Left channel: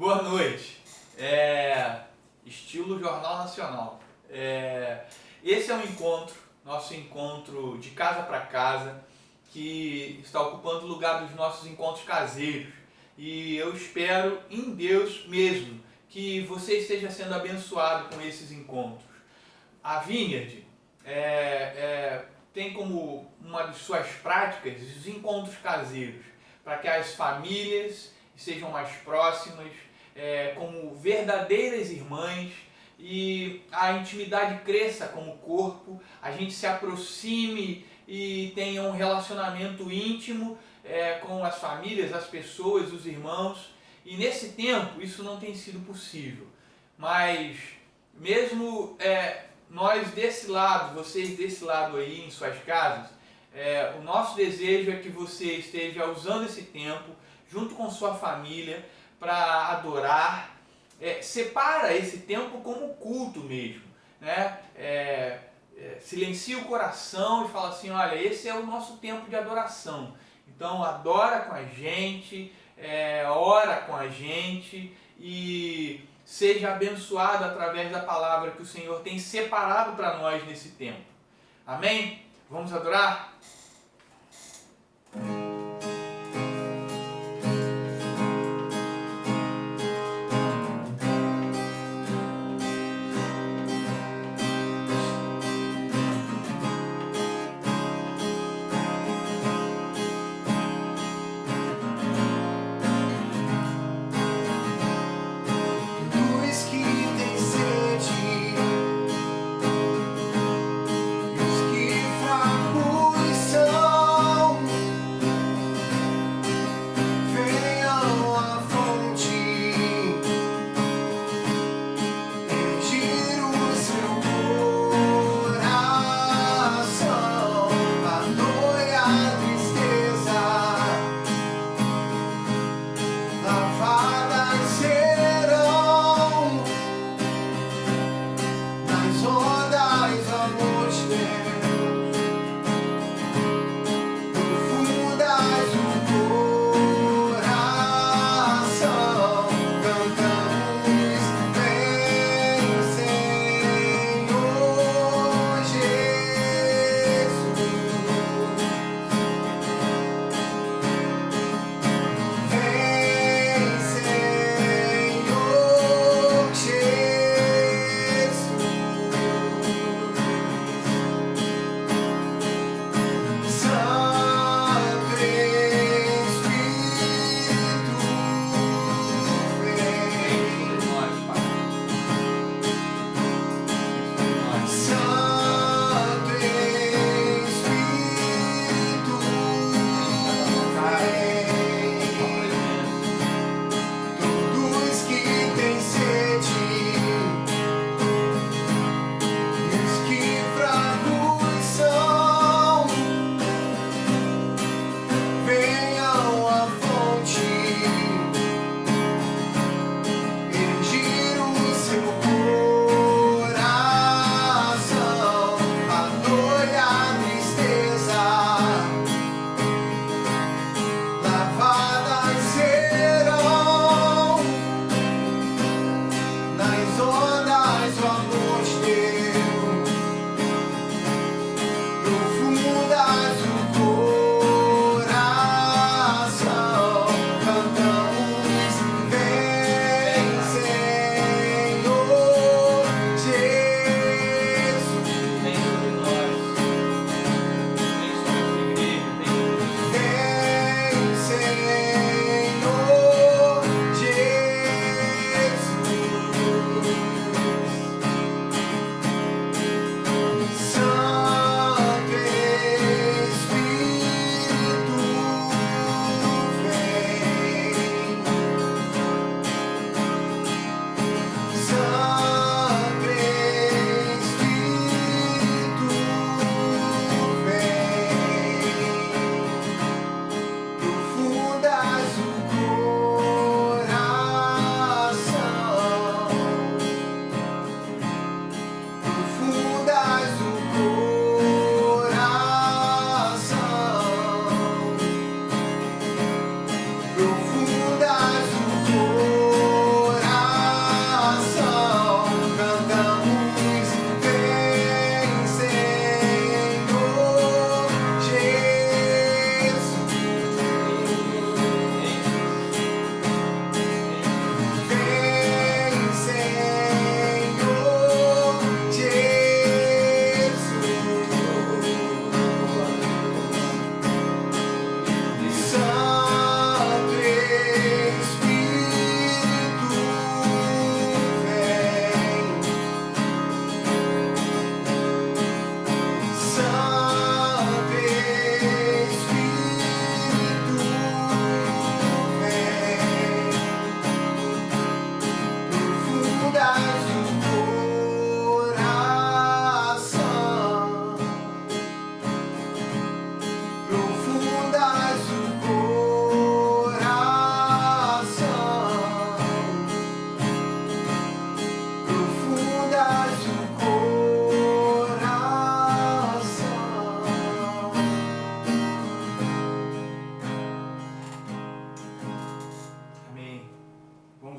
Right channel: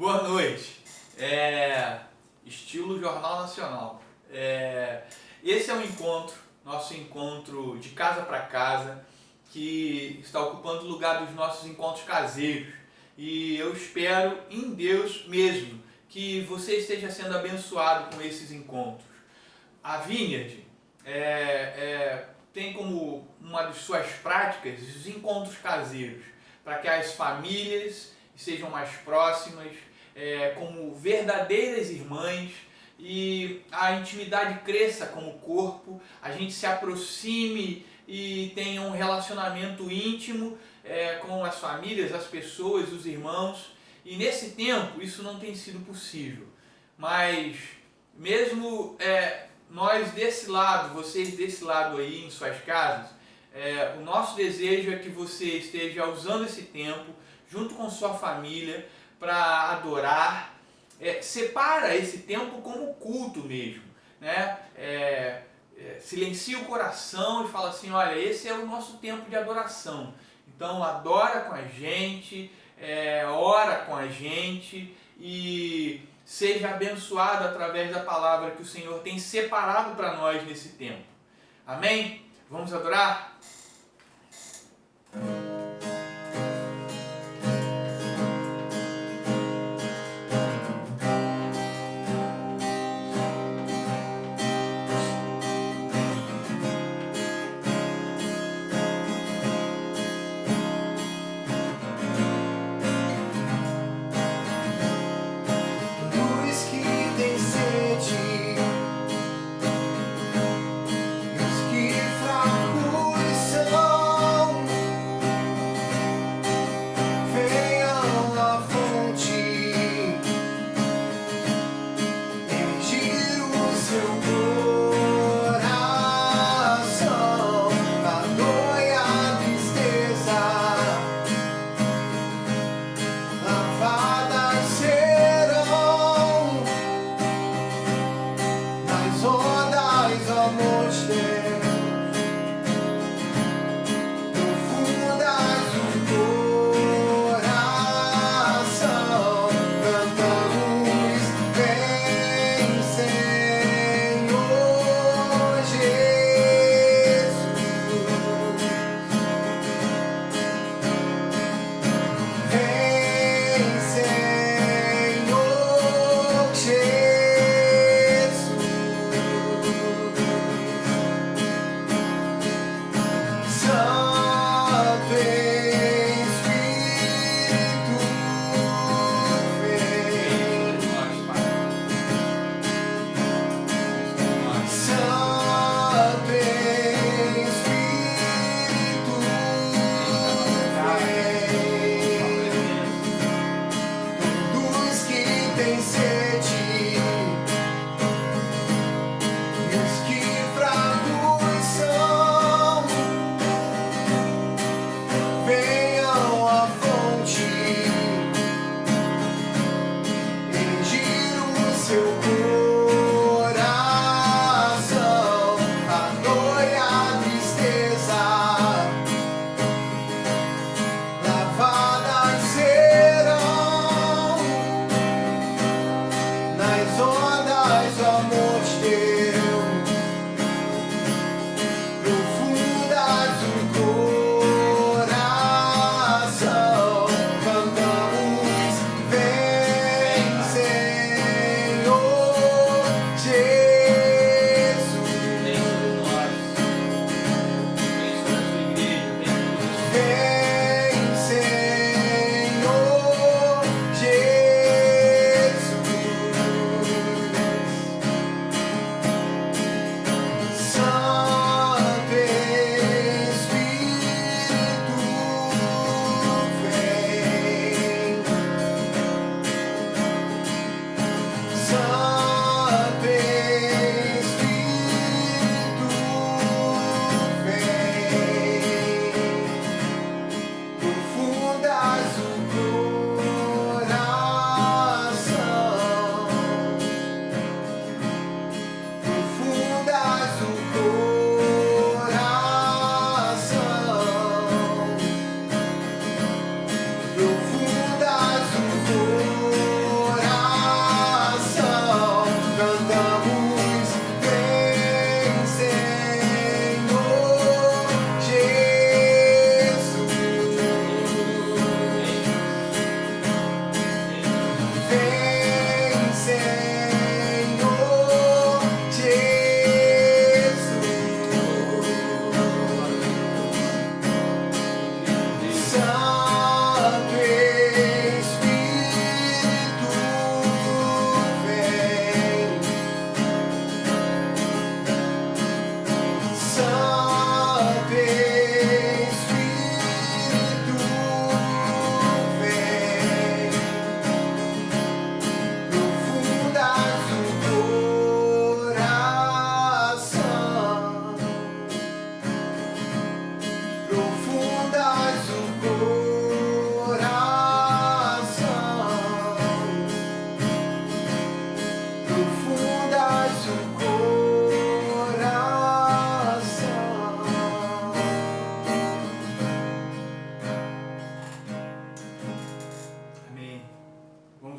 Boa noite. Estilo Jornal Nacional. Esse é um encontro, nosso encontro de casa para casa, que está ocupando o lugar dos nossos encontros caseiros. E eu espero em Deus mesmo que você esteja sendo abençoado com esses encontros. A Vineyard tem como uma de suas práticas os encontros caseiros, para que as famílias sejam mais próximas, como verdadeiras irmãs, e a intimidade cresça como corpo, a gente se aproxime e tenha um relacionamento íntimo com as famílias, as pessoas, os irmãos. E nesse tempo isso não tem sido possível, mas mesmo nós desse lado, vocês desse lado aí em suas casas, o nosso desejo é que você esteja usando esse tempo junto com sua família para adorar. Separa esse tempo como culto mesmo, né? Silencia o coração e fala assim: olha, esse é o nosso tempo de adoração. Então adora com a gente, ora com a gente e seja abençoado através da palavra que o Senhor tem separado para nós nesse tempo. Amém? Vamos adorar?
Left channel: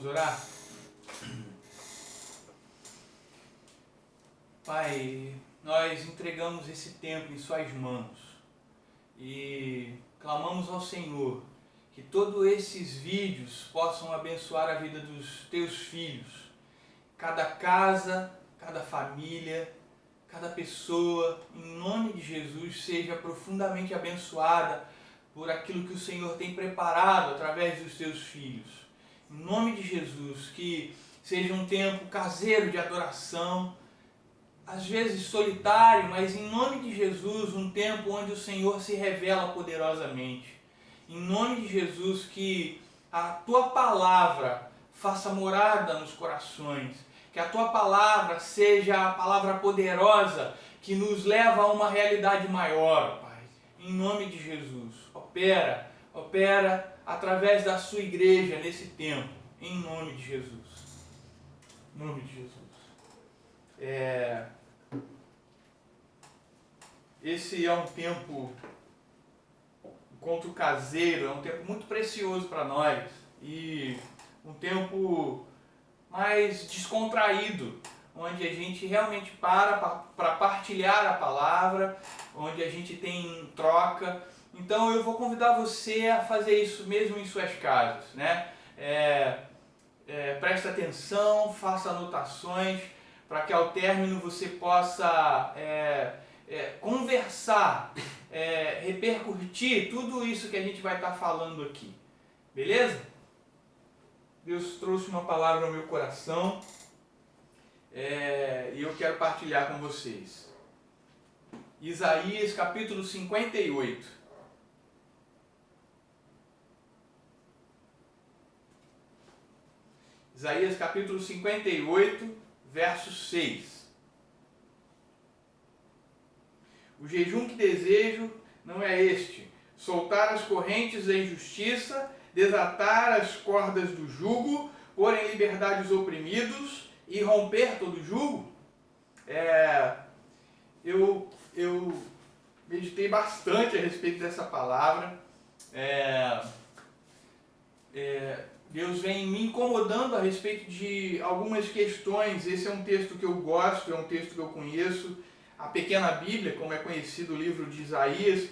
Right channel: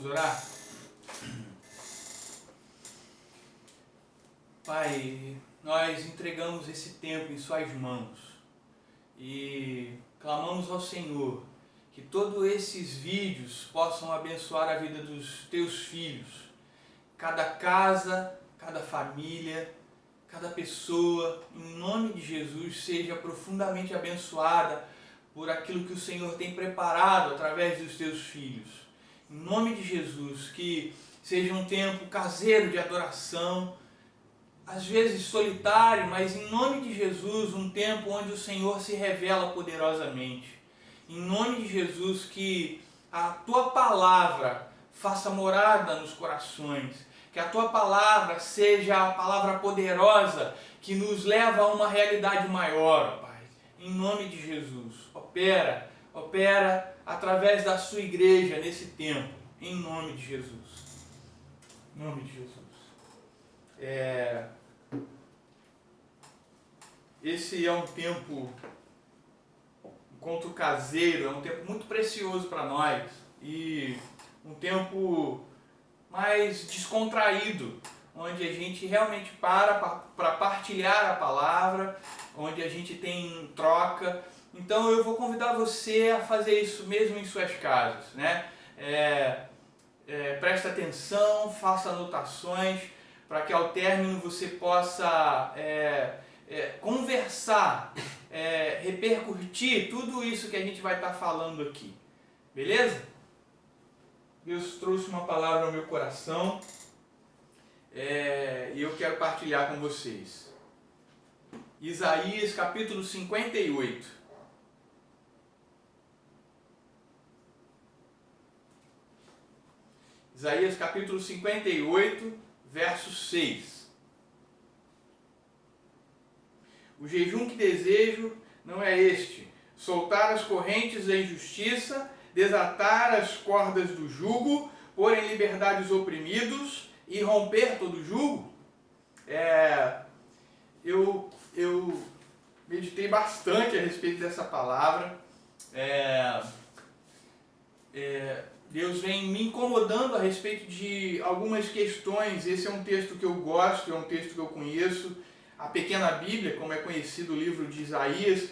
Vamos orar? Pai, nós entregamos esse tempo em Suas mãos e clamamos ao Senhor que todos esses vídeos possam abençoar a vida dos Teus filhos. Cada casa, cada família, cada pessoa, em nome de Jesus, seja profundamente abençoada por aquilo que o Senhor tem preparado através dos Teus filhos. Em nome de Jesus, que seja um tempo caseiro de adoração, às vezes solitário, mas em nome de Jesus, um tempo onde o Senhor se revela poderosamente. Em nome de Jesus, que a Tua palavra faça morada nos corações, que a Tua palavra seja a palavra poderosa que nos leva a uma realidade maior, Pai. Em nome de Jesus, opera através da Sua igreja nesse tempo, em nome de Jesus. Em nome de Jesus. Esse é um tempo, encontro caseiro, é um tempo muito precioso para nós e um tempo mais descontraído, onde a gente realmente para partilhar a palavra, onde a gente tem troca. Então eu vou convidar você a fazer isso mesmo em suas casas, né? Presta atenção, faça anotações, para que ao término você possa conversar, repercutir tudo isso que a gente vai estar falando aqui. Beleza? Deus trouxe uma palavra ao meu coração e eu quero partilhar com vocês. Isaías capítulo 58. Isaías capítulo 58, verso 6. O jejum que desejo não é este: soltar as correntes da injustiça, desatar as cordas do jugo, pôr em liberdade os oprimidos e romper todo jugo. Eu meditei bastante a respeito dessa palavra. Deus vem me incomodando a respeito de algumas questões. Esse é um texto que eu gosto, é um texto que eu conheço. A Pequena Bíblia, como é conhecido o livro de Isaías,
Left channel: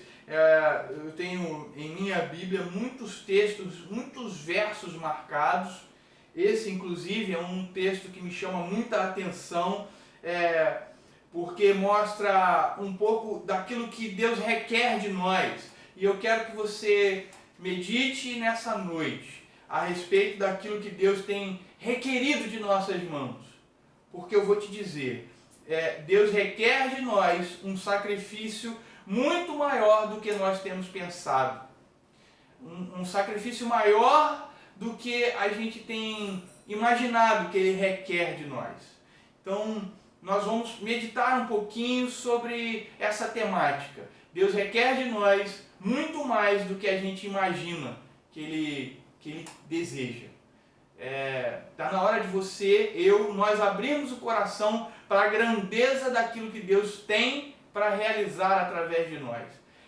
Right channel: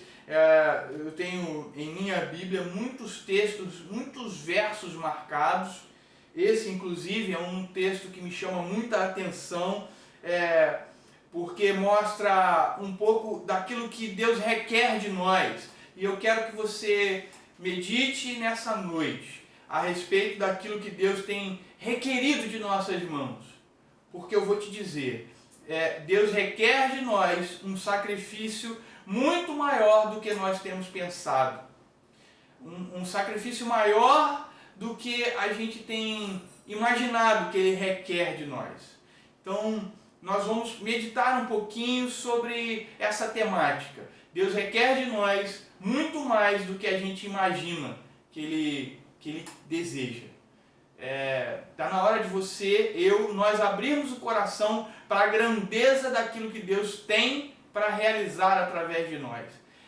eu tenho em minha Bíblia muitos textos, muitos versos marcados. Esse, inclusive, é um texto que me chama muita atenção, porque mostra um pouco daquilo que Deus requer de nós. E eu quero que você medite nessa noite a respeito daquilo que Deus tem requerido de nossas mãos. Porque eu vou te dizer, Deus requer de nós um sacrifício muito maior do que nós temos pensado. Um sacrifício maior do que a gente tem imaginado que Ele requer de nós. Então, nós vamos meditar um pouquinho sobre essa temática. Deus requer de nós muito mais do que a gente imagina que Ele deseja. Está na hora de nós abrirmos o coração para a grandeza daquilo que Deus tem para realizar através de nós.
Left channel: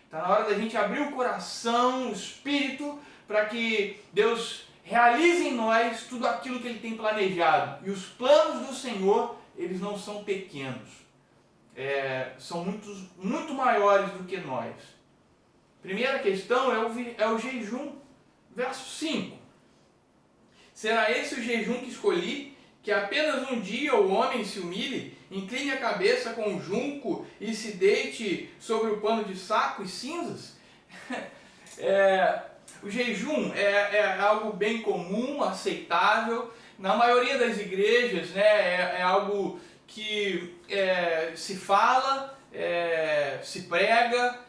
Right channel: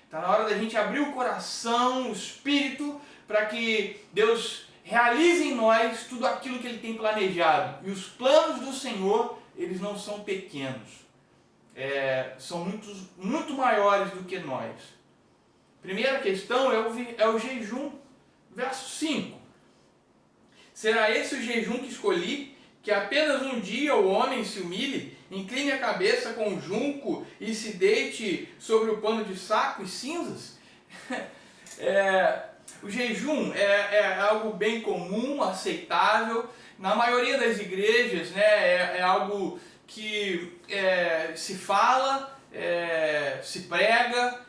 Está na hora da gente abrir o coração, o espírito, para que Deus realize em nós tudo aquilo que Ele tem planejado. E os planos do Senhor, eles não são pequenos. São muito maiores do que nós. Primeira questão é o jejum. Verso 5. Será esse o jejum que escolhi, que apenas um dia o homem se humilhe, incline a cabeça com o junco e se deite sobre o pano de saco e cinzas? O jejum é algo bem comum, aceitável. Na maioria das igrejas, né, é algo que se fala, se prega.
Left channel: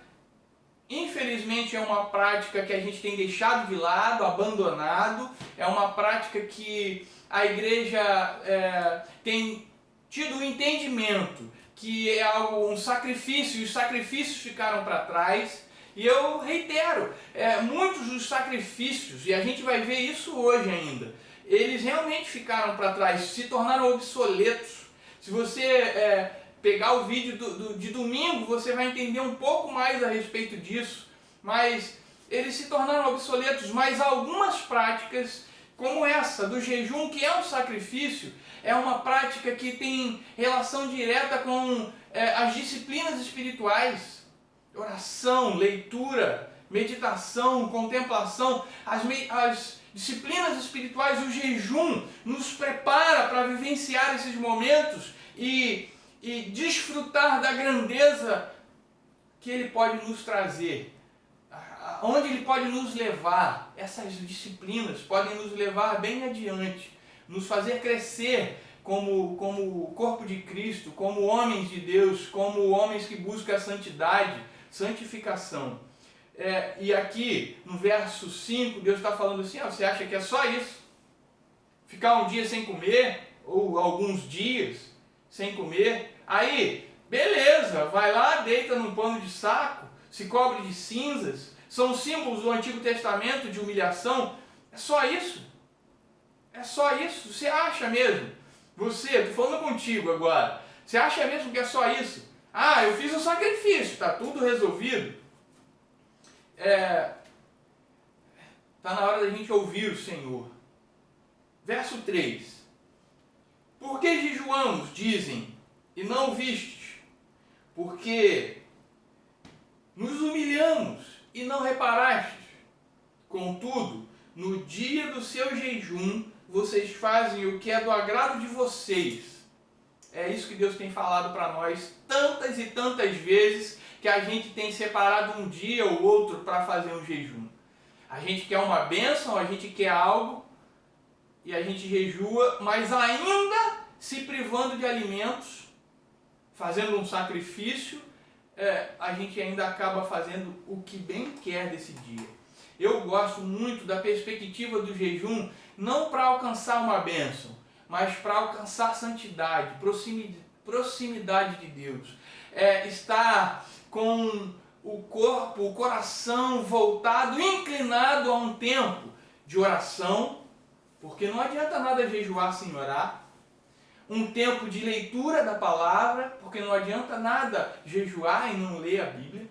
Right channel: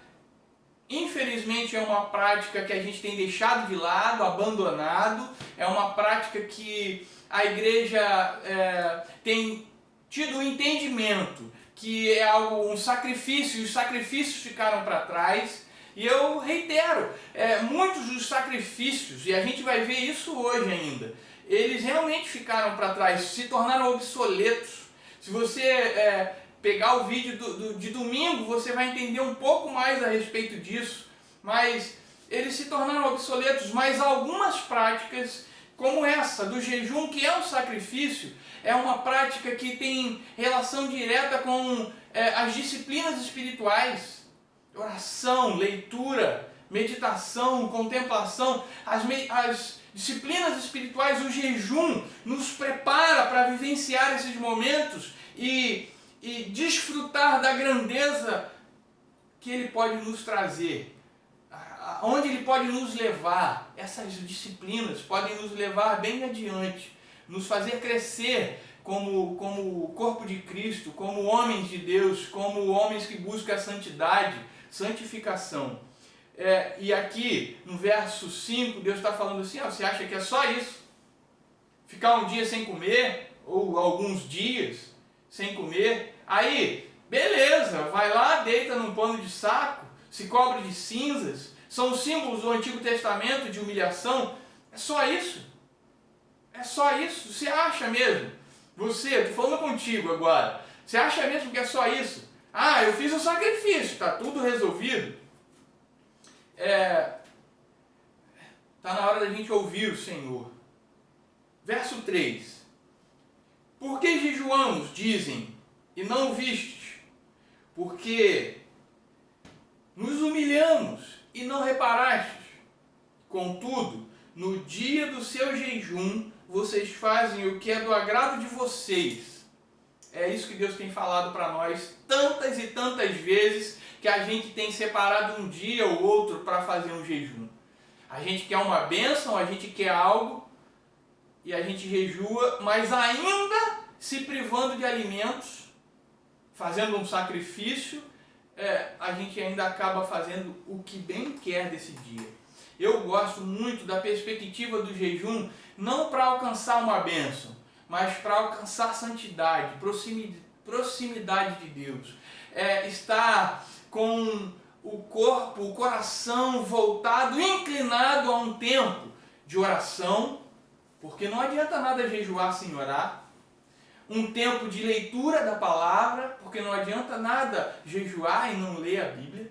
Infelizmente é uma prática que a gente tem deixado de lado, abandonado. É uma prática que a igreja tem tido o entendimento que é um sacrifício, e os sacrifícios ficaram para trás. E eu reitero, muitos dos sacrifícios, e a gente vai ver isso hoje ainda, eles realmente ficaram para trás, se tornaram obsoletos. Se você pegar o vídeo de domingo, você vai entender um pouco mais a respeito disso, mas eles se tornaram obsoletos, mas algumas práticas como essa, do jejum, que é um sacrifício, é uma prática que tem relação direta com as disciplinas espirituais, oração, leitura, meditação, contemplação, as disciplinas espirituais, o jejum nos prepara para vivenciar esses momentos e desfrutar da grandeza que Ele pode nos trazer, aonde Ele pode nos levar. Essas disciplinas podem nos levar bem adiante, nos fazer crescer como corpo de Cristo, como homens de Deus, como homens que buscam a santidade, santificação. E aqui no verso 5, Deus está falando assim, você acha que é só isso? Ficar um dia sem comer, ou alguns dias sem comer, aí, beleza, vai lá, deita num pano de saco, se cobre de cinzas, são símbolos do Antigo Testamento de humilhação. É só isso? É só isso? Você acha mesmo? Estou falando contigo agora, você acha mesmo que é só isso? Eu fiz um sacrifício, está tudo resolvido? Está na hora da gente ouvir o Senhor. Verso 3. Por que jejuamos, dizem, e não vistes? Porque nos humilhamos e não reparastes. Contudo, no dia do seu jejum, vocês fazem o que é do agrado de vocês. É isso que Deus tem falado para nós tantas e tantas vezes, que a gente tem separado um dia ou outro para fazer um jejum. A gente quer uma bênção, a gente quer algo, e a gente jejua, mas ainda se privando de alimentos, fazendo um sacrifício, a gente ainda acaba fazendo o que bem quer desse dia. Eu gosto muito da perspectiva do jejum, não para alcançar uma bênção, mas para alcançar santidade, proximidade de Deus. Estar com o corpo, o coração voltado, inclinado a um tempo de oração, porque não adianta nada jejuar sem orar. Um tempo de leitura da palavra, porque não adianta nada jejuar e não ler a Bíblia.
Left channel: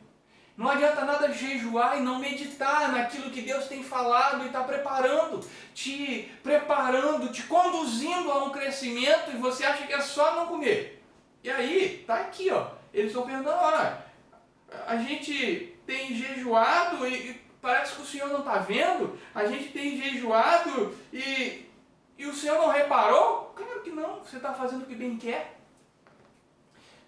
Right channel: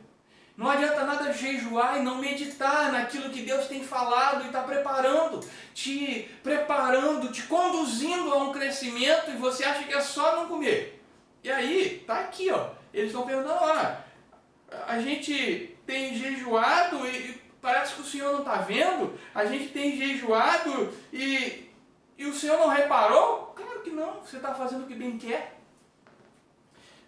Não adianta nada jejuar e não meditar naquilo que Deus tem falado e está te conduzindo a um crescimento, e você acha que é só não comer. E aí, tá aqui, eles estão perguntando, a gente tem jejuado e parece que o Senhor não está vendo, a gente tem jejuado e o Senhor não reparou? Claro que não, você está fazendo o que bem quer.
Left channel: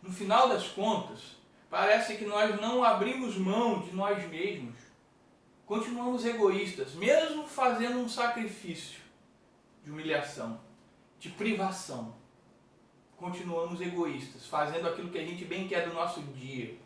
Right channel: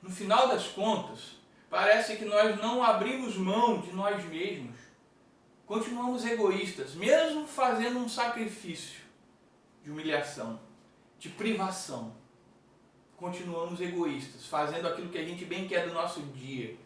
No final das contas, parece que nós não abrimos mão de nós mesmos. Continuamos egoístas, mesmo fazendo um sacrifício de humilhação, de privação. Continuamos egoístas, fazendo aquilo que a gente bem quer do nosso dia.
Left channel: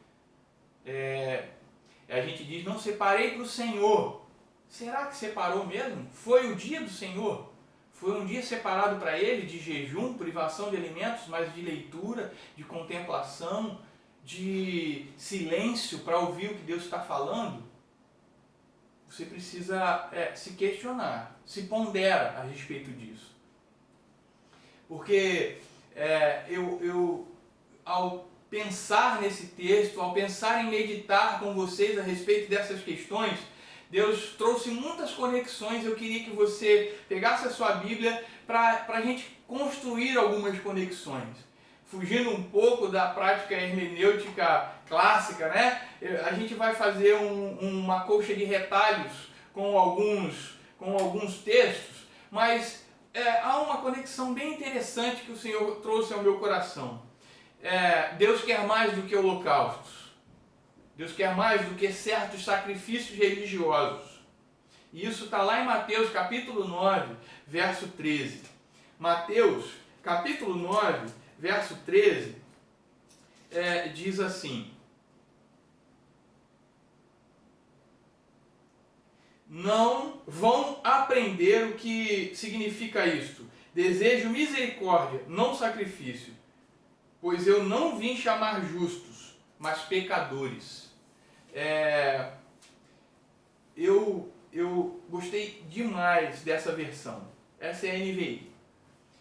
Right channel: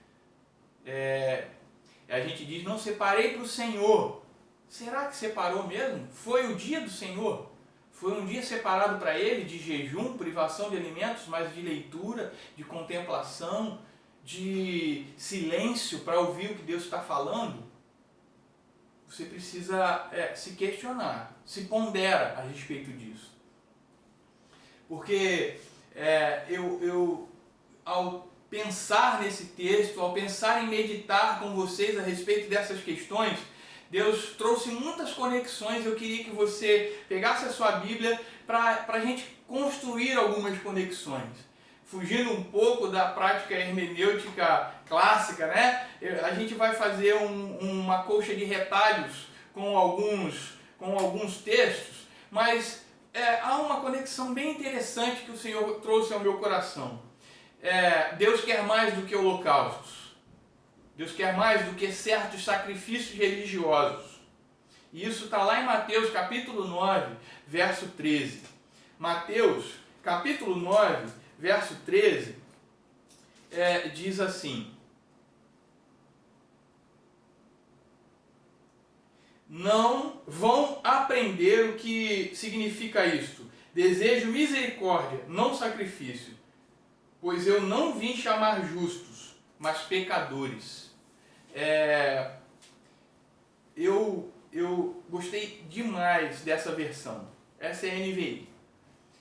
A gente diz, não separei para o Senhor. Será que separou mesmo? Foi o dia do Senhor? Foi um dia separado para Ele, de jejum, privação de alimentos, mas de leitura, de contemplação, de silêncio para ouvir o que Deus está falando? Você precisa se questionar, se pondera a respeito disso. Porque eu ao pensar nesse texto, ao pensar em meditar com vocês a respeito dessas questões, Deus trouxe muitas conexões. Eu queria que você pegasse a sua Bíblia para a gente construir algumas conexões. Fugindo um pouco da prática hermenêutica clássica, né? A gente vai fazer uma colcha de retalhos com alguns textos, mas há uma conexão bem interessante que o Senhor trouxe ao meu coração. Deus quer mais do que holocaustos. Deus quer mais do que certos sacrifícios religiosos. E isso está lá em Mateus capítulo 9, verso 13. Mateus capítulo 9, verso 13, diz assim: não vão aprender o que significa isto. Desejo misericórdia, não sacrifício, pois eu não vim chamar justos, mas pecadores. Eu gostei demais dessa versão. Essa é a NVI.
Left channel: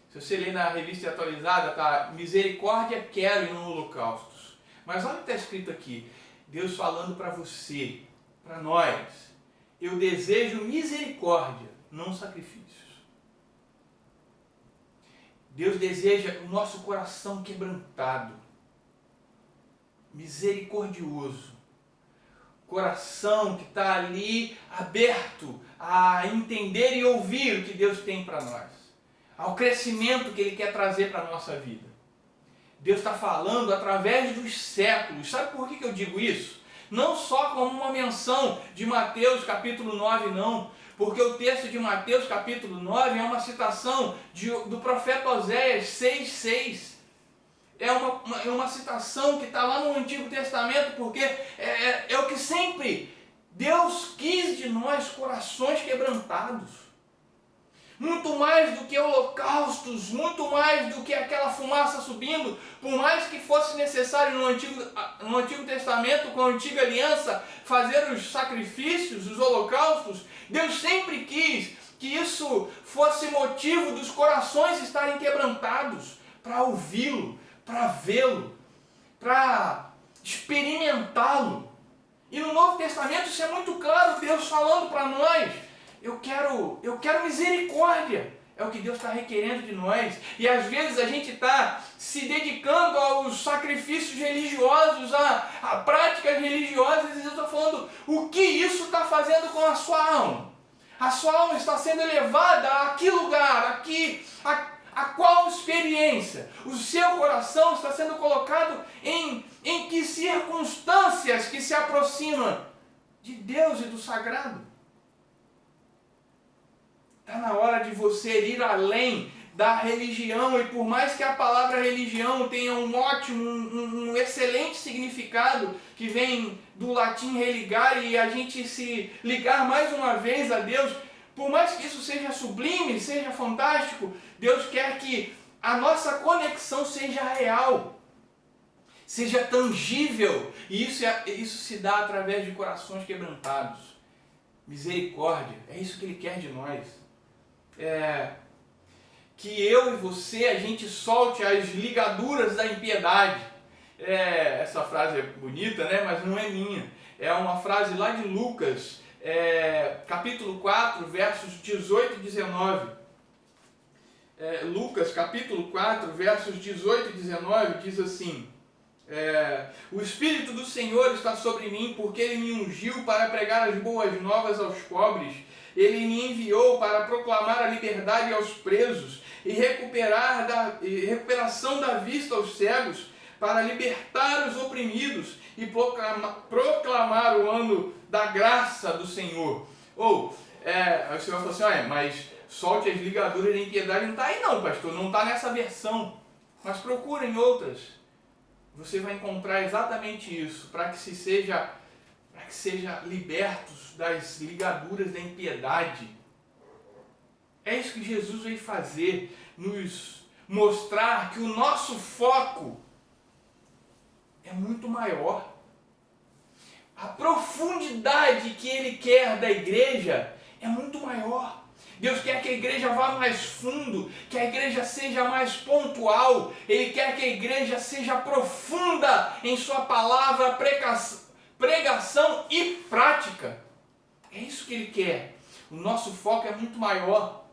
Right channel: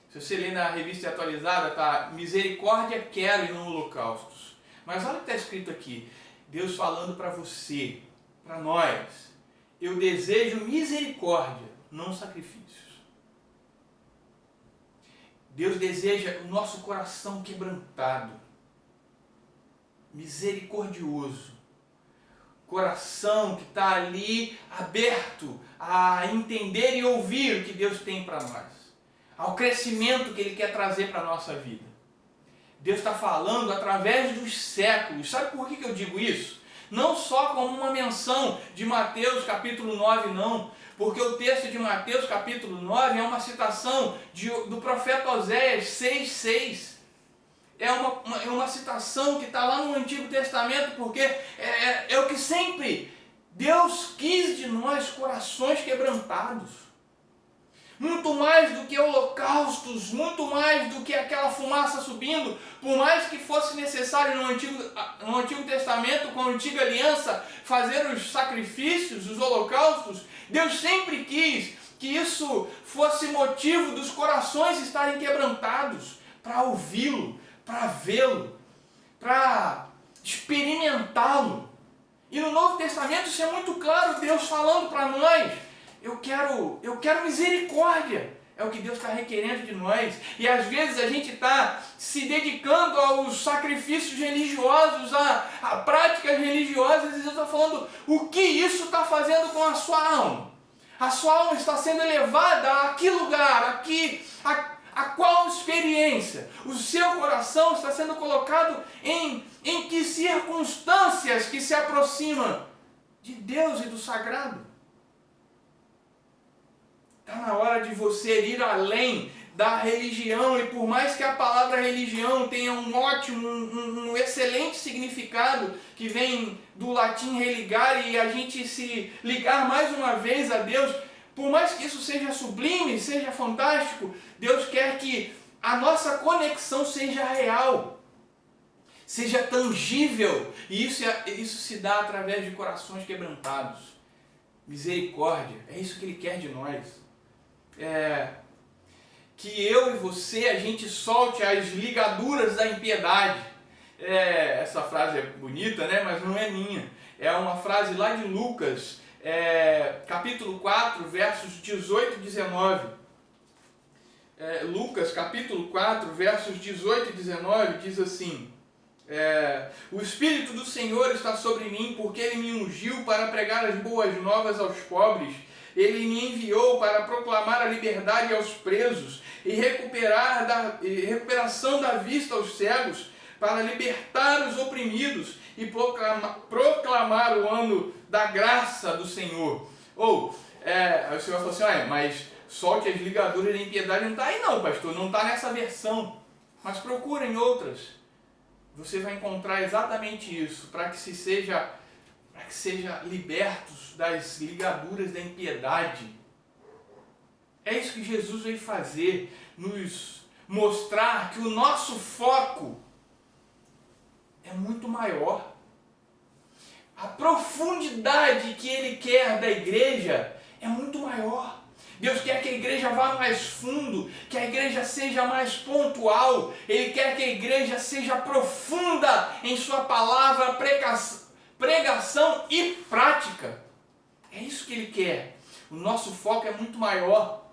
Se você ler na revista atualizada, tá? Misericórdia quero e não holocaustos. Mas olha o que está escrito aqui. Deus falando para você, para nós. Eu desejo misericórdia, não sacrifícios. Deus deseja o nosso coração quebrantado, misericordioso, coração que está ali aberto a entender e ouvir o que Deus tem para nós, ao crescimento que Ele quer trazer para a nossa vida. Deus está falando através dos séculos. Sabe por que eu digo isso? Não só como uma menção de Mateus capítulo 9, não. Porque o texto de Mateus capítulo 9 é uma citação do profeta Oséias 6,6. É uma citação que está lá no Antigo Testamento, porque é o que sempre Deus quis de nós, corações quebrantados. Muito mais do que holocaustos, muito mais do que aquela fumaça subindo, por mais que fosse necessário no Antigo Testamento, com a antiga aliança, fazer os sacrifícios, os holocaustos, Deus sempre quis que isso fosse motivo dos corações estarem quebrantados, para ouvi-lo, para vê-lo, para experimentá-lo. E no Novo Testamento isso é muito claro, Deus falando para nós: eu quero misericórdia. É o que Deus está requerendo de nós. E às vezes a gente está se dedicando aos sacrifícios religiosos, a práticas religiosas, e Deus está falando o que isso está fazendo com a sua alma. A sua alma está sendo elevada a que lugar, a qual experiência? O seu coração está sendo colocado em que circunstâncias que se aproximam de Deus e do sagrado? Está na hora de você ir além da religião, e por mais que a palavra religião tenha um ótimo, um excelente significado, que vem do latim religare, e a gente se ligar mais uma vez a Deus, por mais que isso seja sublime, seja fantástico, Deus quer que a nossa conexão seja real, seja tangível, e isso se dá através de corações quebrantados. Misericórdia, é isso que Ele quer de nós. Que eu e você, a gente solte as ligaduras da impiedade. Essa frase é bonita, né? Mas não é minha. É uma frase lá de Lucas, capítulo 4, versos 18 e 19. Lucas, capítulo 4, versos 18 e 19, diz assim: o Espírito do Senhor está sobre mim, porque Ele me ungiu para pregar as boas novas aos pobres. Ele me enviou para proclamar a liberdade aos presos e recuperação da vista aos cegos, para libertar os oprimidos e proclamar o ano da graça do Senhor. Aí o Senhor falou assim: mas solte as ligaduras da impiedade. Não está aí não, pastor, não está nessa versão. Mas procurem outras. Você vai encontrar exatamente isso, para que seja libertos das ligaduras da impiedade. É isso que Jesus veio fazer, nos mostrar que o nosso foco é muito maior. A profundidade que Ele quer da igreja é muito maior. Deus quer que a igreja vá mais fundo, que a igreja seja mais pontual. Ele quer que a igreja seja profunda em sua palavra, pregação e prática. É isso que Ele quer. O nosso foco é muito maior.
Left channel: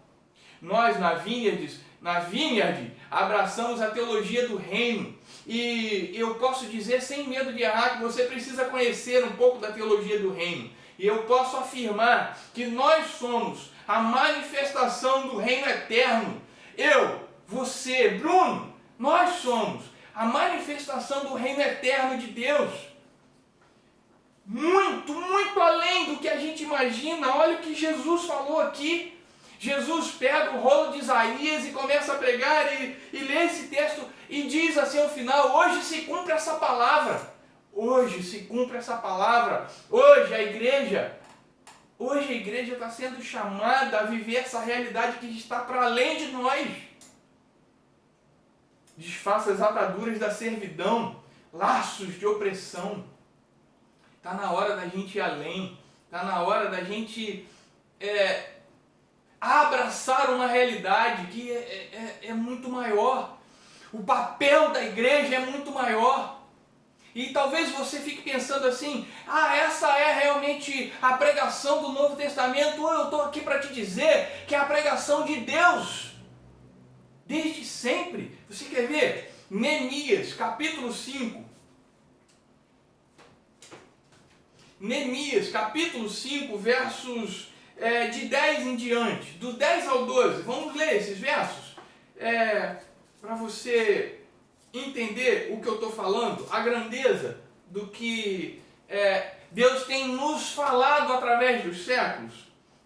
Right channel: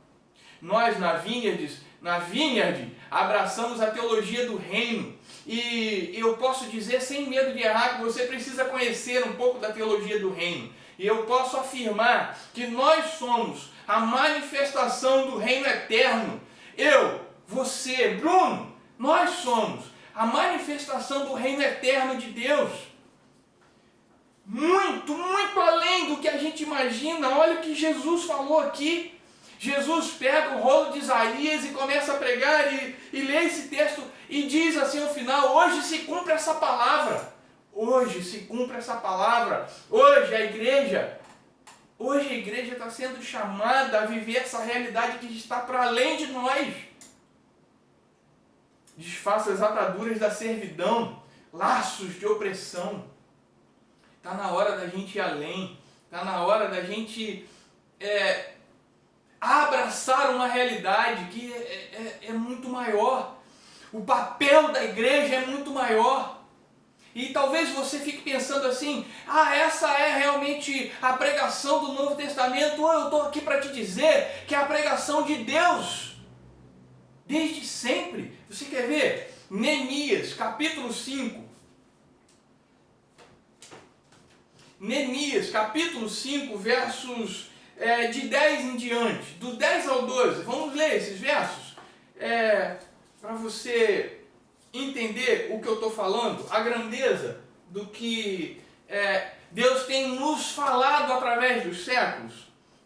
Nós na Vineyard abraçamos a teologia do reino. E eu posso dizer sem medo de errar que você precisa conhecer um pouco da teologia do reino. E eu posso afirmar que nós somos a manifestação do reino eterno. Eu, você, Bruno, nós somos a manifestação do reino eterno de Deus. Muito, muito além do que a gente imagina. Olha o que Jesus falou aqui. Jesus pega o rolo de Isaías e começa a pregar e lê esse texto e diz assim no final: hoje se cumpre essa palavra. Hoje se cumpre essa palavra. Hoje a igreja está sendo chamada a viver essa realidade que está para além de nós. Desfaça as ataduras da servidão, laços de opressão. Está na hora da gente ir além. Está na hora da gente abraçar uma realidade que é muito maior. O papel da igreja é muito maior. E talvez você fique pensando assim: essa é realmente a pregação do Novo Testamento. Eu estou aqui para te dizer que é a pregação de Deus. Desde sempre. Você quer ver? Neemias, capítulo 5. Neemias, capítulo 5, versos de 10 em diante. Do 10 ao 12. Vamos ler esses versos? Para você entender o que eu estou falando, a grandeza do que Deus tem nos falado através dos séculos.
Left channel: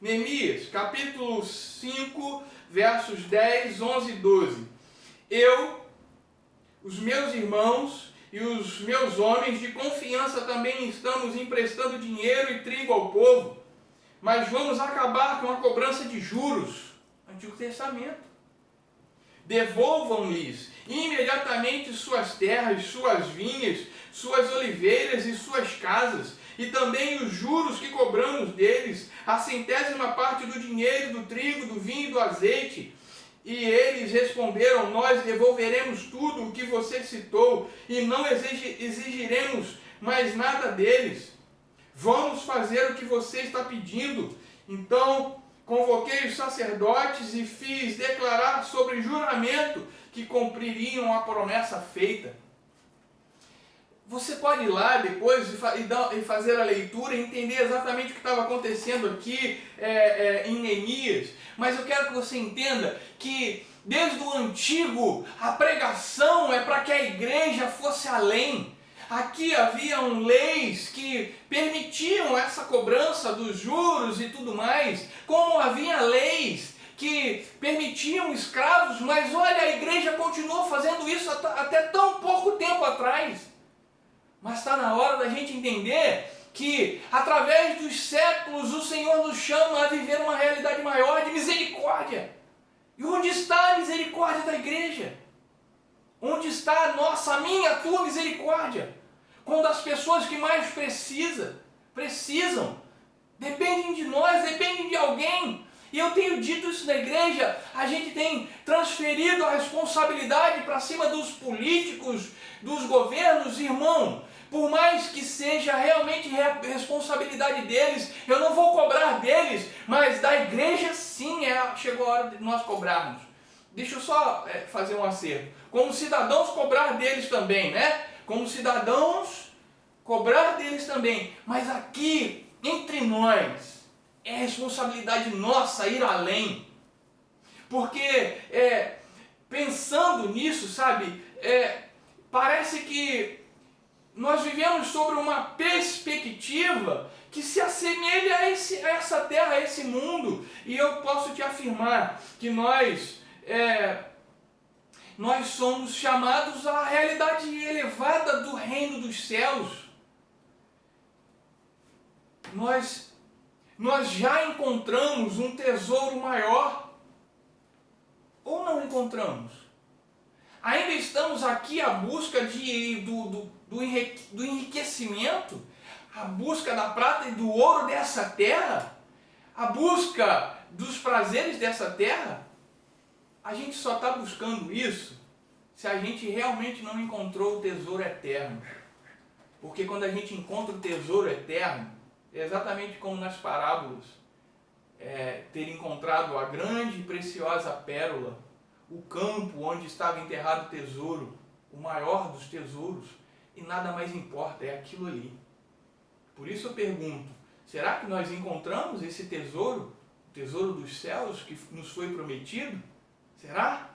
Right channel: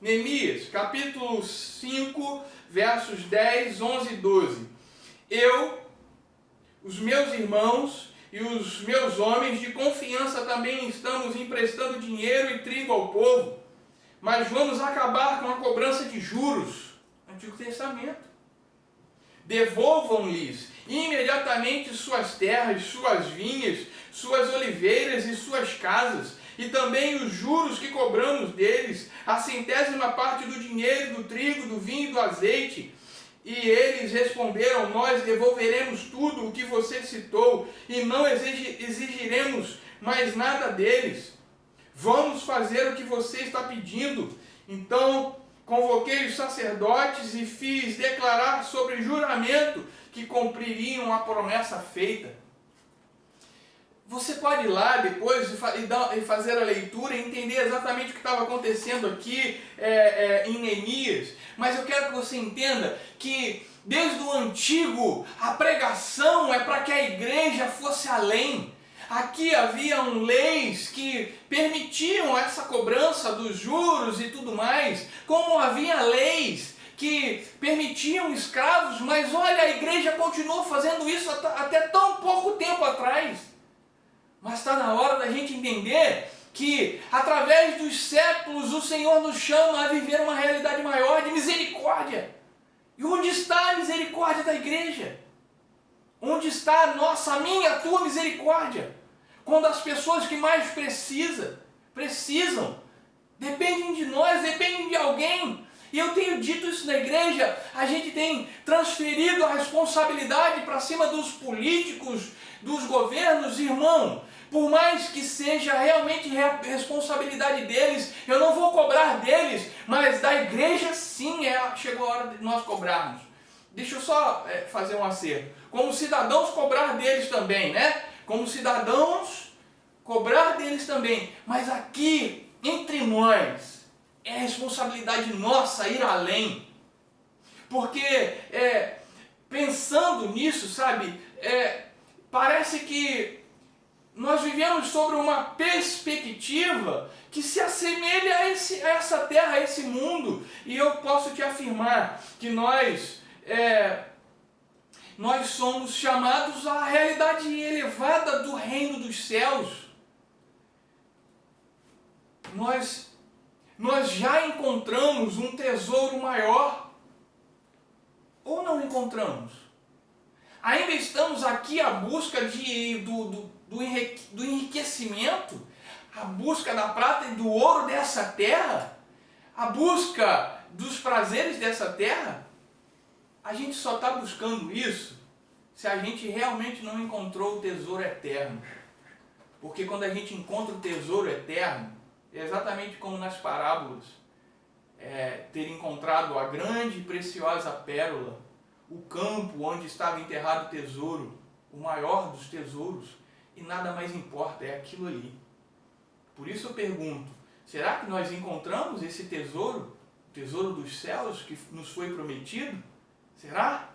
Neemias, capítulo 5, versos 10, 11 e 12. Eu, os meus irmãos e os meus homens de confiança também estamos emprestando dinheiro e trigo ao povo, mas vamos acabar com a cobrança de juros. Antigo Testamento. Devolvam-lhes imediatamente suas terras, suas vinhas, suas oliveiras e suas casas, e também os juros que cobramos deles, a 100ª parte do dinheiro, do trigo, do vinho e do azeite. E eles responderam: nós devolveremos tudo o que você citou, e não exigiremos mais nada deles. Vamos fazer o que você está pedindo. Então convoquei os sacerdotes e fiz declarar sobre juramento que cumpririam a promessa feita. Você pode ir lá depois e fazer a leitura e entender exatamente o que estava acontecendo aqui em Neemias. Mas eu quero que você entenda que desde o antigo a pregação é para que a igreja fosse além. Aqui haviam leis que permitiam essa cobrança dos juros e tudo mais, como havia leis que permitiam escravos, mas olha, a igreja continuou fazendo isso até tão pouco tempo atrás. Mas está na hora da gente entender que através dos séculos o Senhor nos chama a viver uma realidade maior de misericórdia. E onde está a misericórdia da igreja? Onde está a minha, a tua misericórdia? Quando as pessoas que mais precisam, dependem de nós, dependem de alguém. E eu tenho dito isso na igreja, a gente tem transferido a responsabilidade para cima dos políticos, dos governos. Irmão, por mais que seja realmente responsabilidade deles, eu não vou cobrar deles, mas da igreja sim, chegou a hora de nós cobrarmos. Deixa eu só fazer um acerto. Como cidadãos cobrar deles também, né? Como cidadãos cobrar deles também. Mas aqui, entre nós, é responsabilidade nossa ir além. Porque, pensando nisso, sabe, parece que nós vivemos sobre uma perspectiva que se assemelha a essa terra, a esse mundo. E eu posso te afirmar que nós somos chamados à realidade elevada do reino dos céus. Nós já encontramos um tesouro maior, ou não encontramos? Ainda estamos aqui à busca do enriquecimento, à busca da prata e do ouro dessa terra, à busca dos prazeres dessa terra. A gente só está buscando isso se a gente realmente não encontrou o tesouro eterno. Porque quando a gente encontra o tesouro eterno, é exatamente como nas parábolas, ter encontrado a grande e preciosa pérola, o campo onde estava enterrado o tesouro, o maior dos tesouros, e nada mais importa, é aquilo ali. Por isso eu pergunto, será que nós encontramos esse tesouro, o tesouro dos céus que nos foi prometido? Será?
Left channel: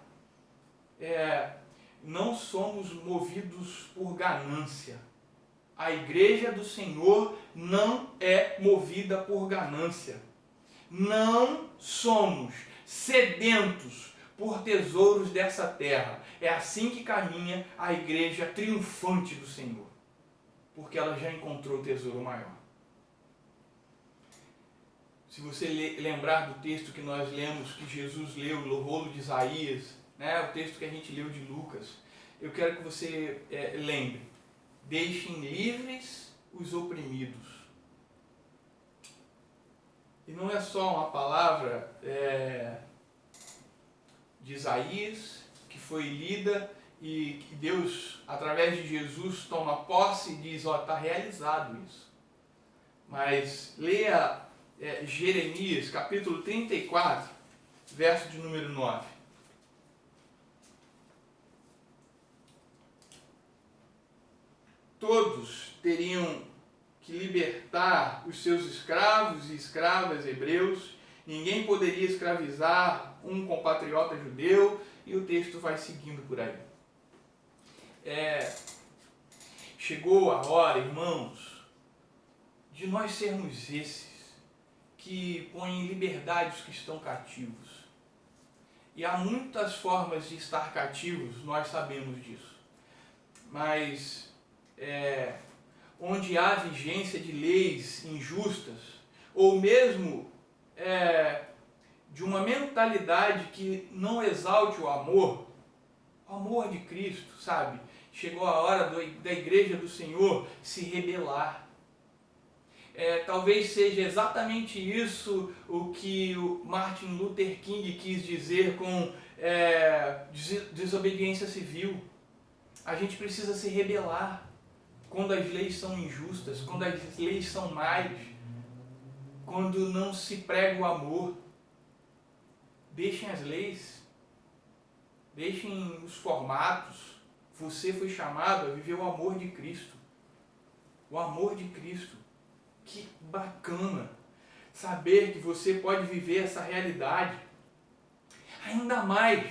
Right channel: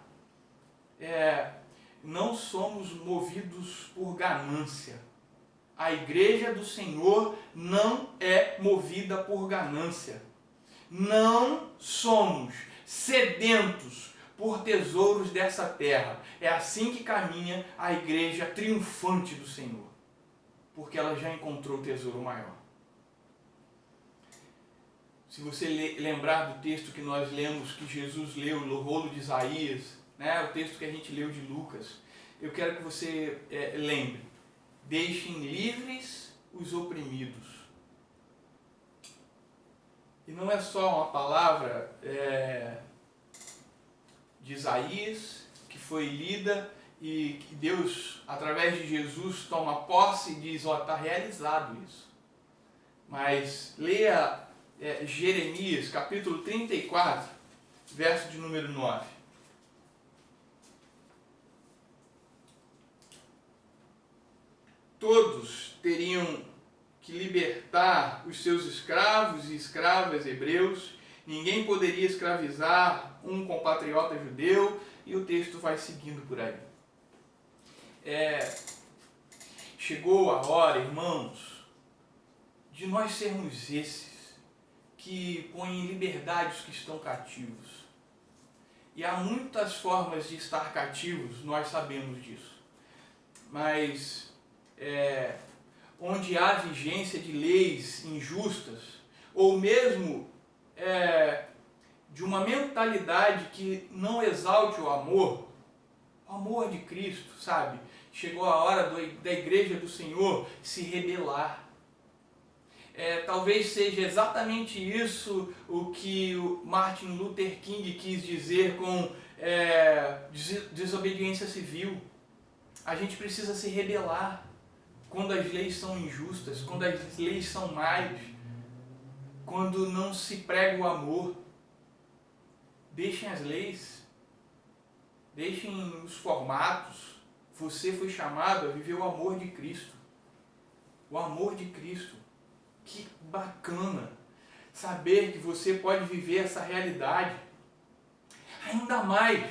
Não somos movidos por ganância. A igreja do Senhor não é movida por ganância. Não somos sedentos por tesouros dessa terra. É assim que caminha a igreja triunfante do Senhor. Porque ela já encontrou o tesouro maior. Se você lembrar do texto que nós lemos, que Jesus leu no rolo de Isaías, né, o texto que a gente leu de Lucas, eu quero que você lembre: deixem livres os oprimidos. E não é só uma palavra de Isaías que foi lida e que Deus, através de Jesus, toma posse e diz: está realizado isso. Mas leia Jeremias, capítulo 34, verso de número 9. todos teriam que libertar os seus escravos e escravas hebreus, ninguém poderia escravizar um compatriota judeu, e o texto vai seguindo por aí. Chegou a hora, irmãos, de nós sermos esses que põem em liberdade os que estão cativos. E há muitas formas de estar cativos, nós sabemos disso. Mas onde há vigência de leis injustas, ou mesmo de uma mentalidade que não exalte o amor de Cristo, sabe? Chegou a hora da igreja do Senhor se rebelar. Talvez seja exatamente isso o que o Martin Luther King quis dizer com desobediência civil. A gente precisa se rebelar quando as leis são injustas, quando as leis são más, quando não se prega o amor. Deixem as leis, deixem os formatos. Você foi chamado a viver o amor de Cristo. O amor de Cristo. Que bacana saber que você pode viver essa realidade. Ainda mais,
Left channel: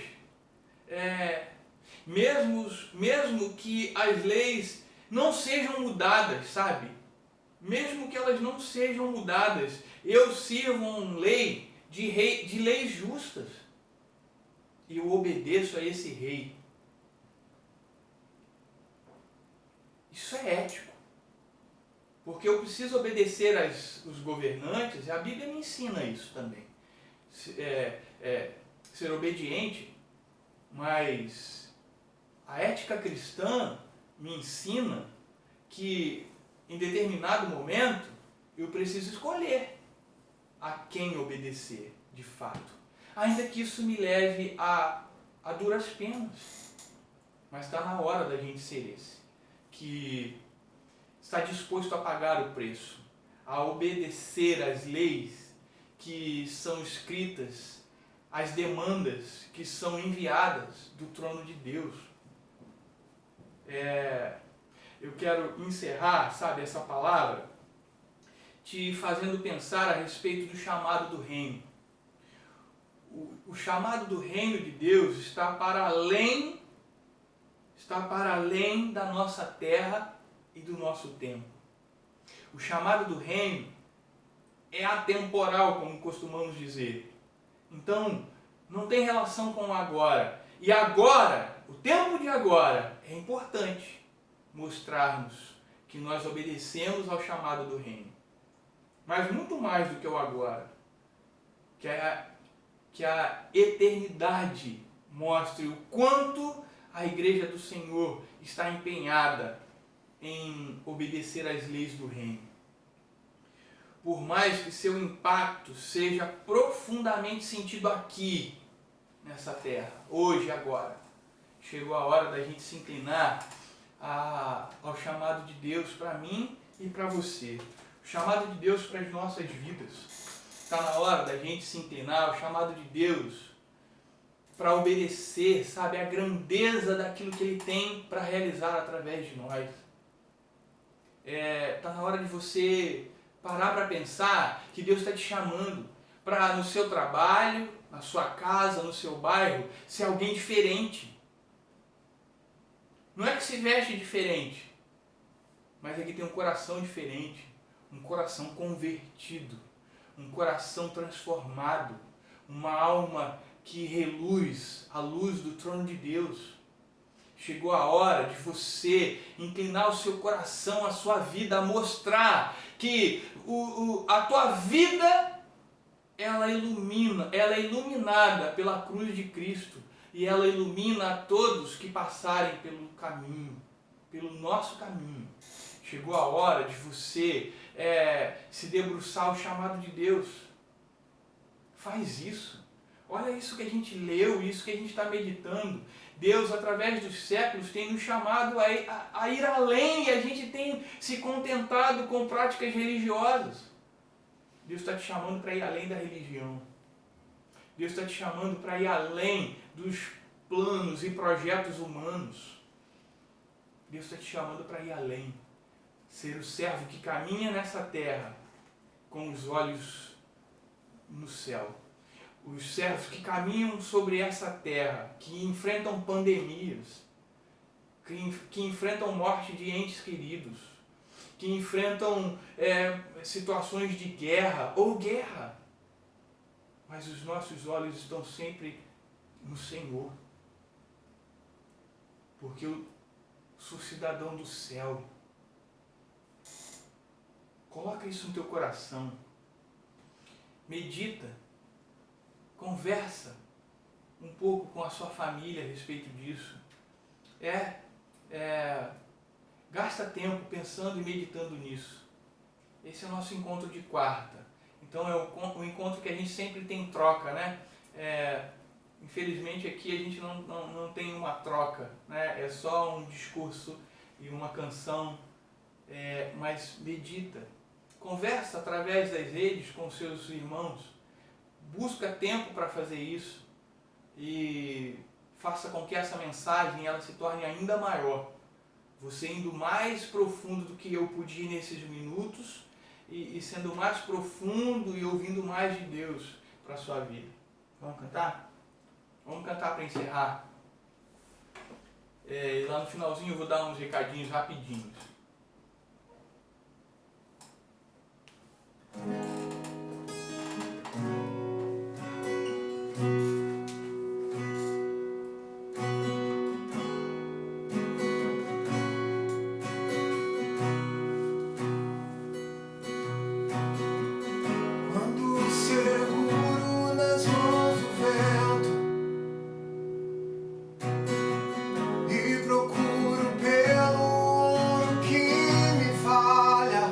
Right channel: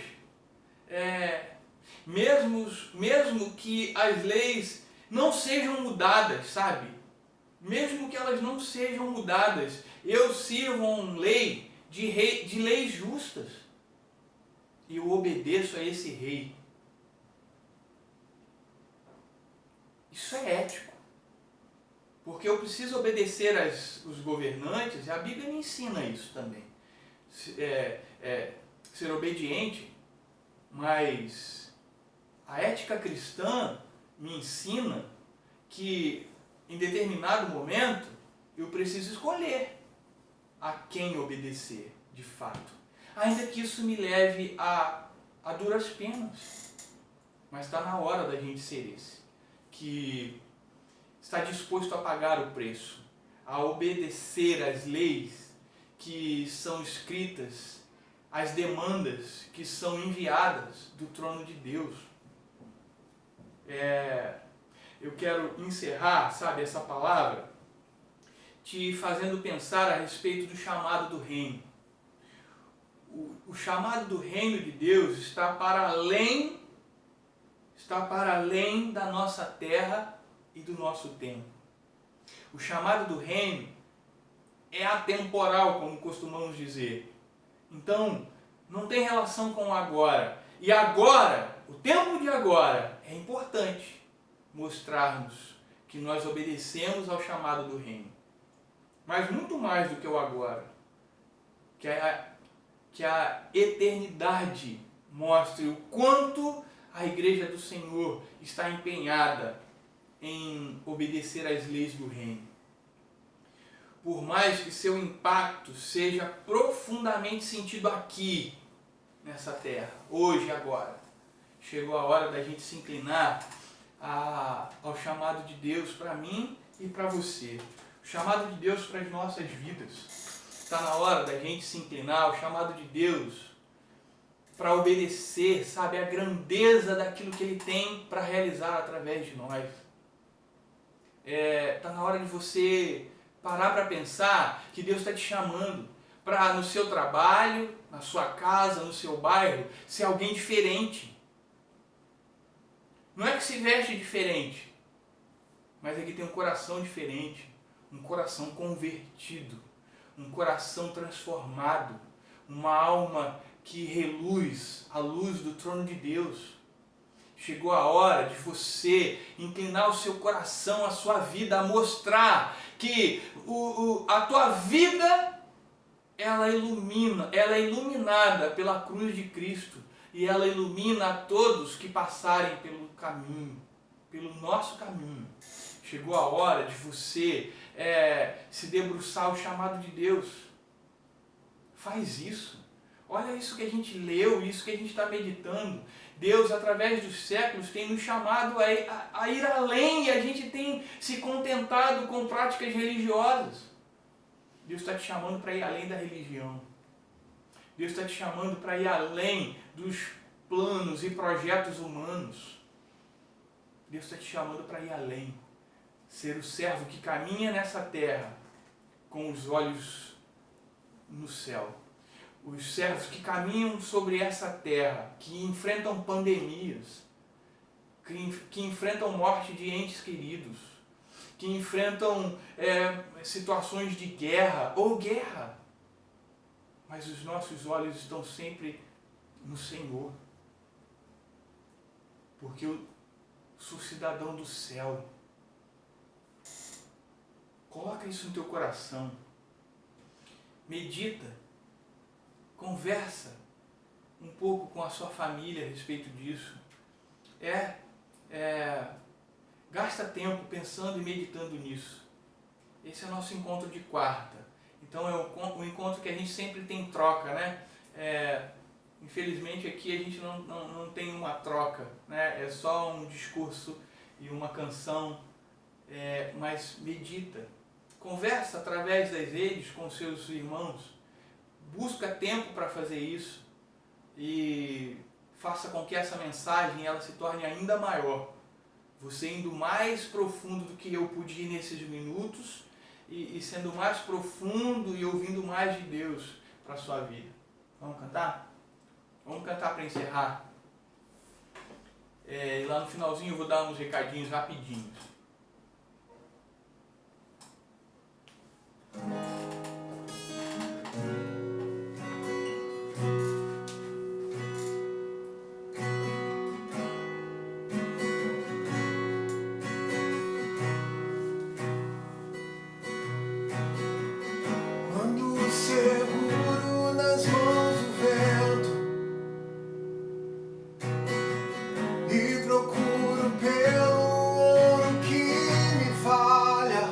mesmo que as leis não sejam mudadas, sabe? Mesmo que elas não sejam mudadas, eu sirvo uma lei de leis justas. E eu obedeço a esse rei. Isso é ético. Porque eu preciso obedecer os governantes, e a Bíblia me ensina isso também. Ser obediente, mas a ética cristã me ensina que em determinado momento eu preciso escolher a quem obedecer de fato. Ainda que isso me leve a duras penas. Mas está na hora da gente ser esse, que está disposto a pagar o preço, a obedecer às leis que são escritas, às demandas que são enviadas do trono de Deus. Eu quero encerrar, sabe, essa palavra, te fazendo pensar a respeito do chamado do reino. O chamado do reino de Deus está para além da nossa terra e do nosso tempo. O chamado do reino é atemporal, como costumamos dizer. Então, não tem relação com o agora. E agora, o tempo de agora, é importante mostrarmos que nós obedecemos ao chamado do reino. Mas muito mais do que o agora. Que a eternidade mostre o quanto a igreja do Senhor está empenhada em obedecer às leis do reino. Por mais que seu impacto seja profundamente sentido aqui, nessa terra, hoje, agora, chegou a hora da gente se inclinar ao chamado de Deus para mim e para você. O chamado de Deus para as nossas vidas. Está na hora da gente se inclinar ao chamado de Deus para obedecer, sabe, a grandeza daquilo que Ele tem para realizar através de nós. Está na hora de você parar para pensar que Deus está te chamando para, no seu trabalho, na sua casa, no seu bairro, ser alguém diferente. Não é que se veste diferente, mas é que tem um coração diferente, um coração convertido, um coração transformado, uma alma que reluz a luz do trono de Deus. Chegou a hora de você inclinar o seu coração, a sua vida, a mostrar que a tua vida ela é iluminada pela cruz de Cristo, e ela ilumina a todos que passarem pelo caminho, pelo nosso caminho. Chegou a hora de você se debruçar ao chamado de Deus. Faz isso. Olha isso que a gente leu, isso que a gente está meditando. Deus, através dos séculos, tem nos chamado a ir além, e a gente tem se contentado com práticas religiosas. Deus está te chamando para ir além da religião. Deus está te chamando para ir além dos planos e projetos humanos. Deus está te chamando para ir além. ser o servo que caminha nessa terra com os olhos no céu. Os servos que caminham sobre essa terra, que enfrentam pandemias, que enfrentam morte de entes queridos, que enfrentam situações de guerra ou guerra. Mas os nossos olhos estão sempre no Senhor. Porque eu sou cidadão do céu. Coloca isso no teu coração. Medita. Conversa um pouco com a sua família a respeito disso. Gasta tempo pensando e meditando nisso. Esse é o nosso encontro de quarta. Então é o encontro que a gente sempre tem troca, né? Infelizmente aqui a gente não tem uma troca, né? É só um discurso e uma canção, mas medita. Conversa através das redes com seus irmãos. Busca tempo para fazer isso e faça com que essa mensagem ela se torne ainda maior. Você indo mais profundo do que eu pude ir nesses minutos e sendo mais profundo e ouvindo mais de Deus para a sua vida. Vamos cantar? Vamos cantar para encerrar. E lá no finalzinho eu vou dar uns recadinhos rapidinhos. Seguro nas mãos do vento e procuro pelo ouro que me falha.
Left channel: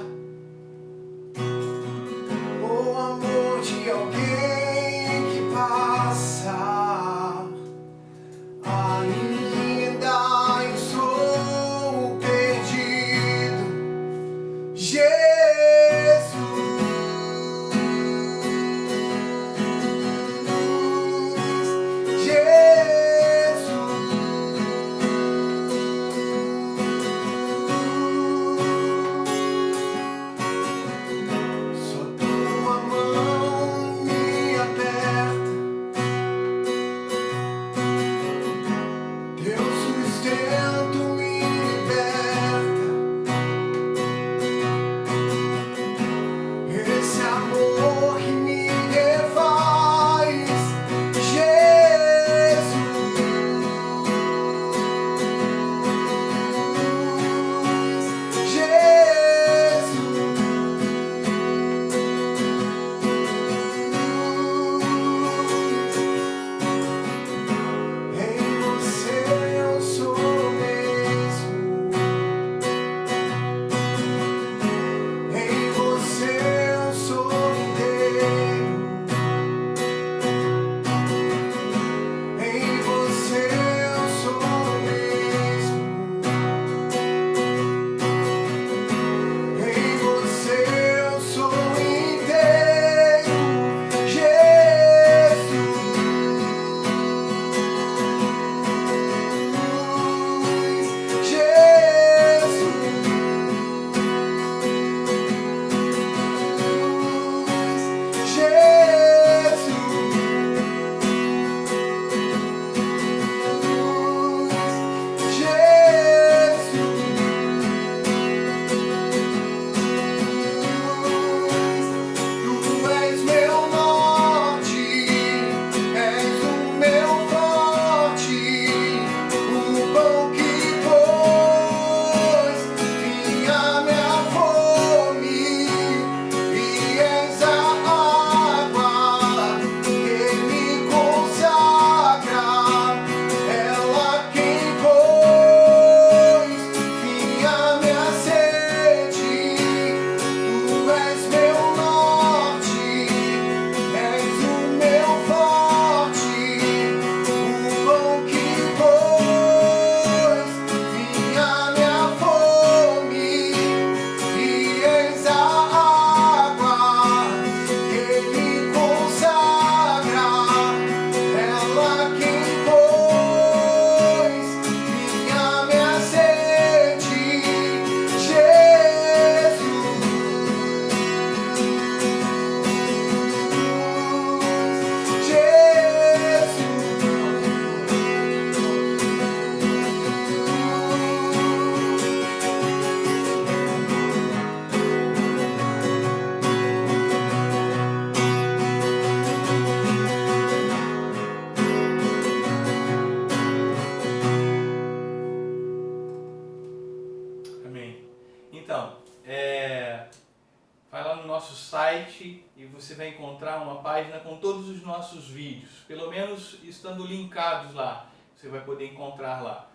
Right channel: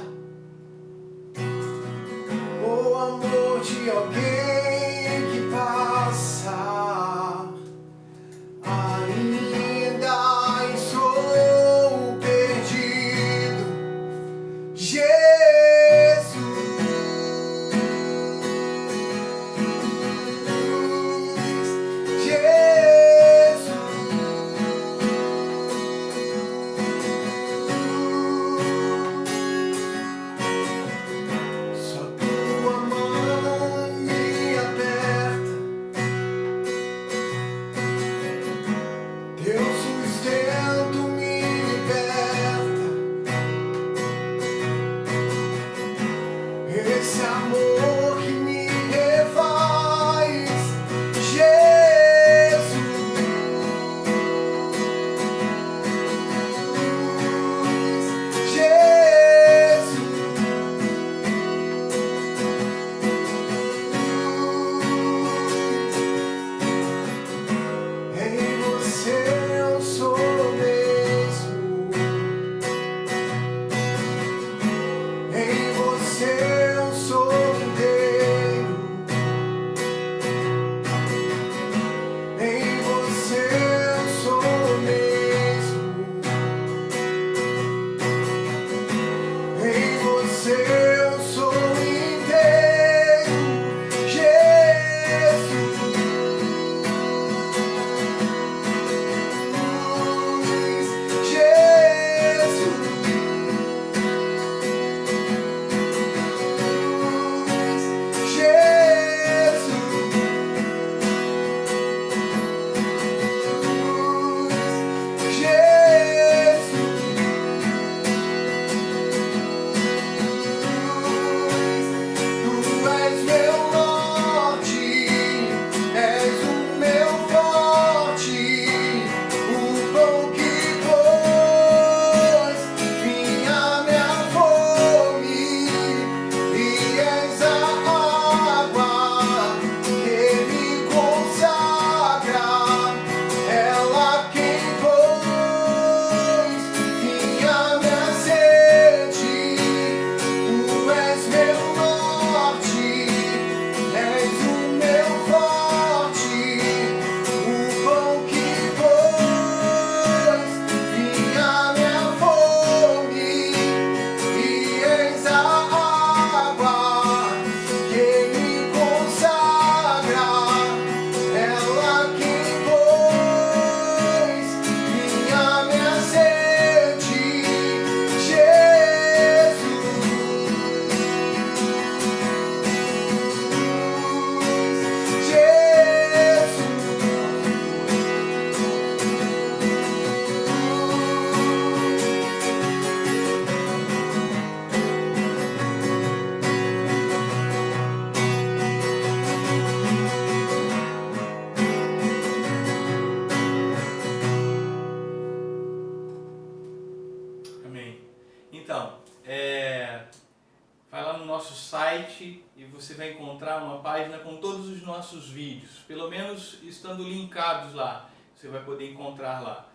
você vai encontrar uma página com todos os nossos vídeos, pelo menos estando linkados lá, você vai poder encontrar lá.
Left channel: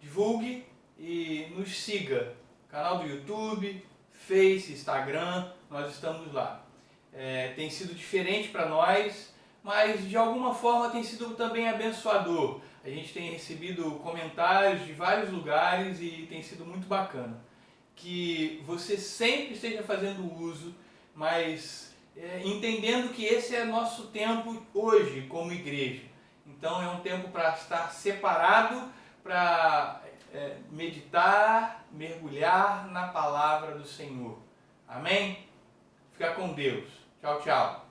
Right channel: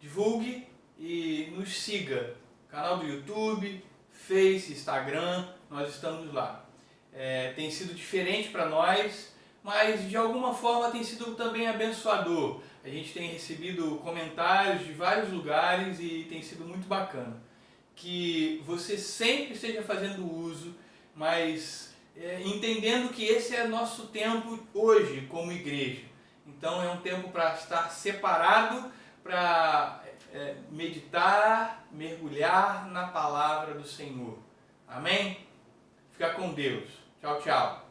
Divulgue e nos siga, canal do YouTube, Face, Instagram, nós estamos lá. Tem sido diferente para nós, mas de alguma forma tem sido também abençoador. A gente tem recebido comentários de vários lugares e tem sido muito bacana. Que você sempre esteja fazendo uso, mas entendendo que esse é nosso tempo hoje como igreja. Então é um tempo para estar separado, para meditar, mergulhar na palavra do Senhor. Amém? Fica com Deus. Tchau, tchau.